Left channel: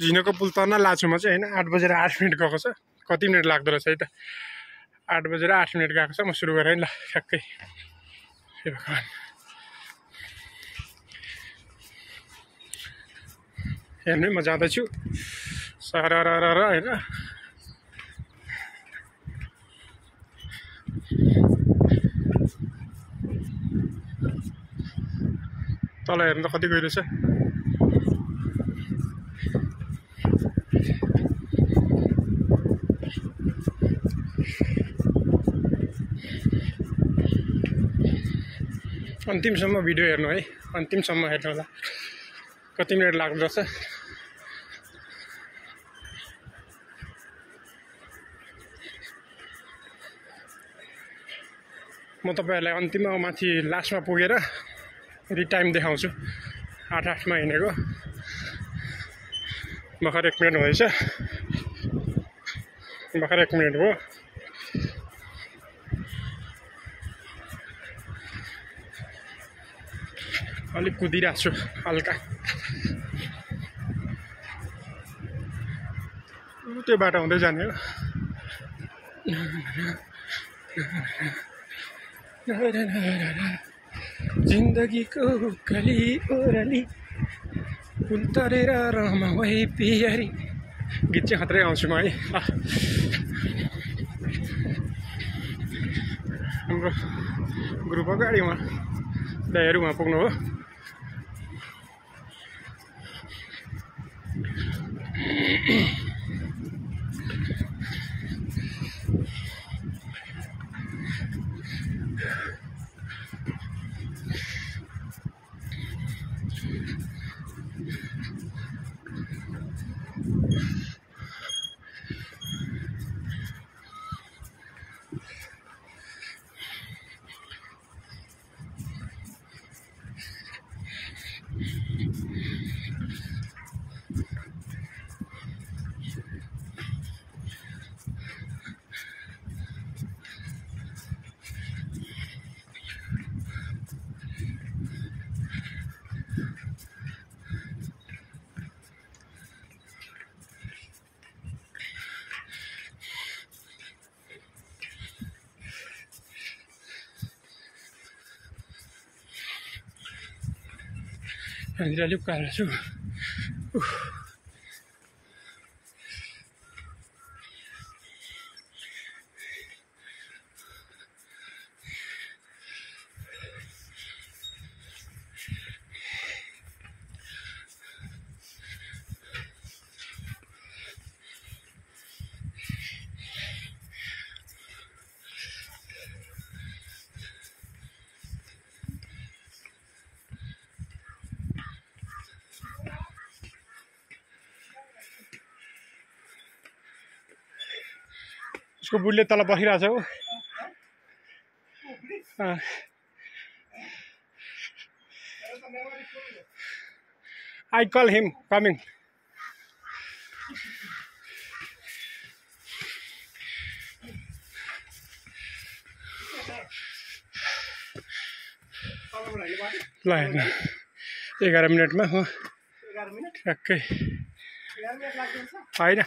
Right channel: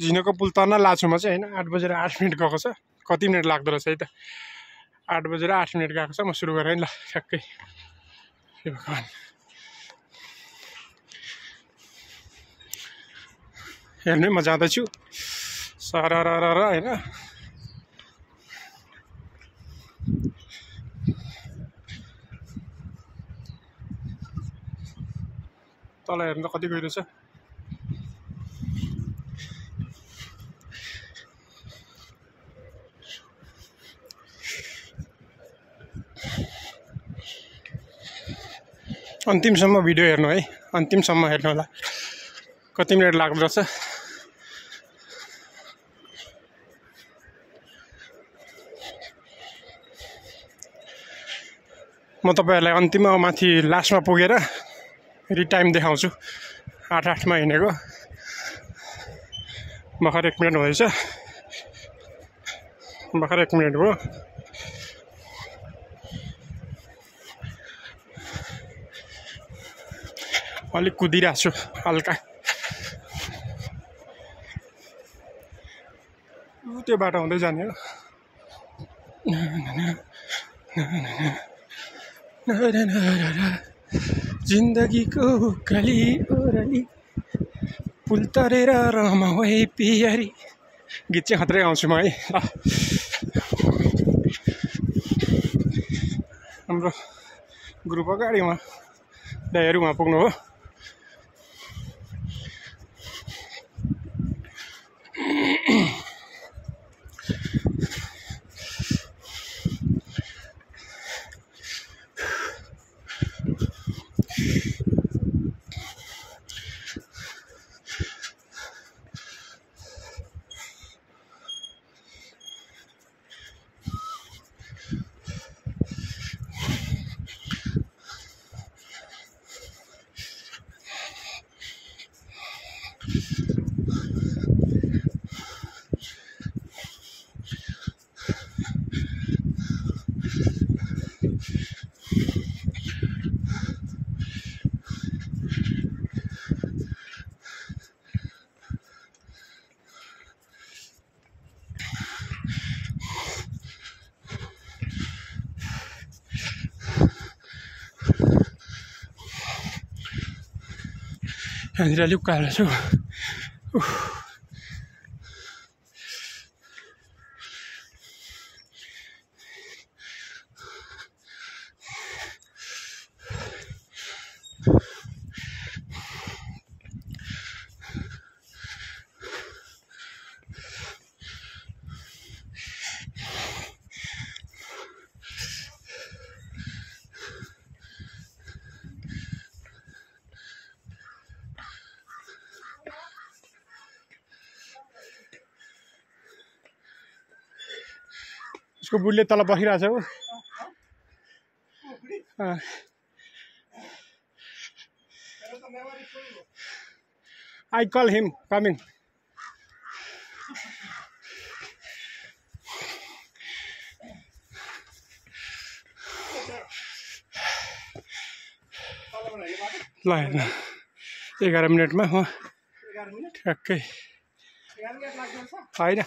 झिनको पुल तर्न लाछुमा चाहिँ हैन 8 बजेर 8 मिनेट गएको छ कति मिनेट लाग्दो रहेछ है त 8 बजेर 8 मिनेट गएको छ म सुरु गरेँ नि ल ठ्याक्कै हे भगवान हेर्ने म जाँदैछु सरररर हैन तल हेर्नु त कति गइरहेछ अन्तिमसम्म भिडियो हेर्नु है अन्तिमसम्म हेर्नु होला कति मिनेट लाग्दो रहेछ म तपाईहरुलाई अन्तिममा माथि लास्टमा पुगेर फेरि टाइम देखाउँछु 8 मा हिँडेको भर्खर 1 मिनेट हुँदैछ भर्खर 1 मिनेट भयो अलिक कुदिरहेको छु हल्का त्यो बाटो हुँदै जाने हो जिन्दगीको उकाली ओराली पुल तरेर रमाऊ है पियारी गीत चाहिँ खत्रै आउँछु म है हाम्रो ग्रुप अगाडिमा दाइहरु उहाँ पुग्नु हो यहाँनिर अलिक उकालो छु उसको बुढले तल बसिरहेछ हो I call him coming ल हेर्न 11 मिनेटमा हो 11 मिनेट ठ्याक्कै 11 मिनेट लाग्छ हैन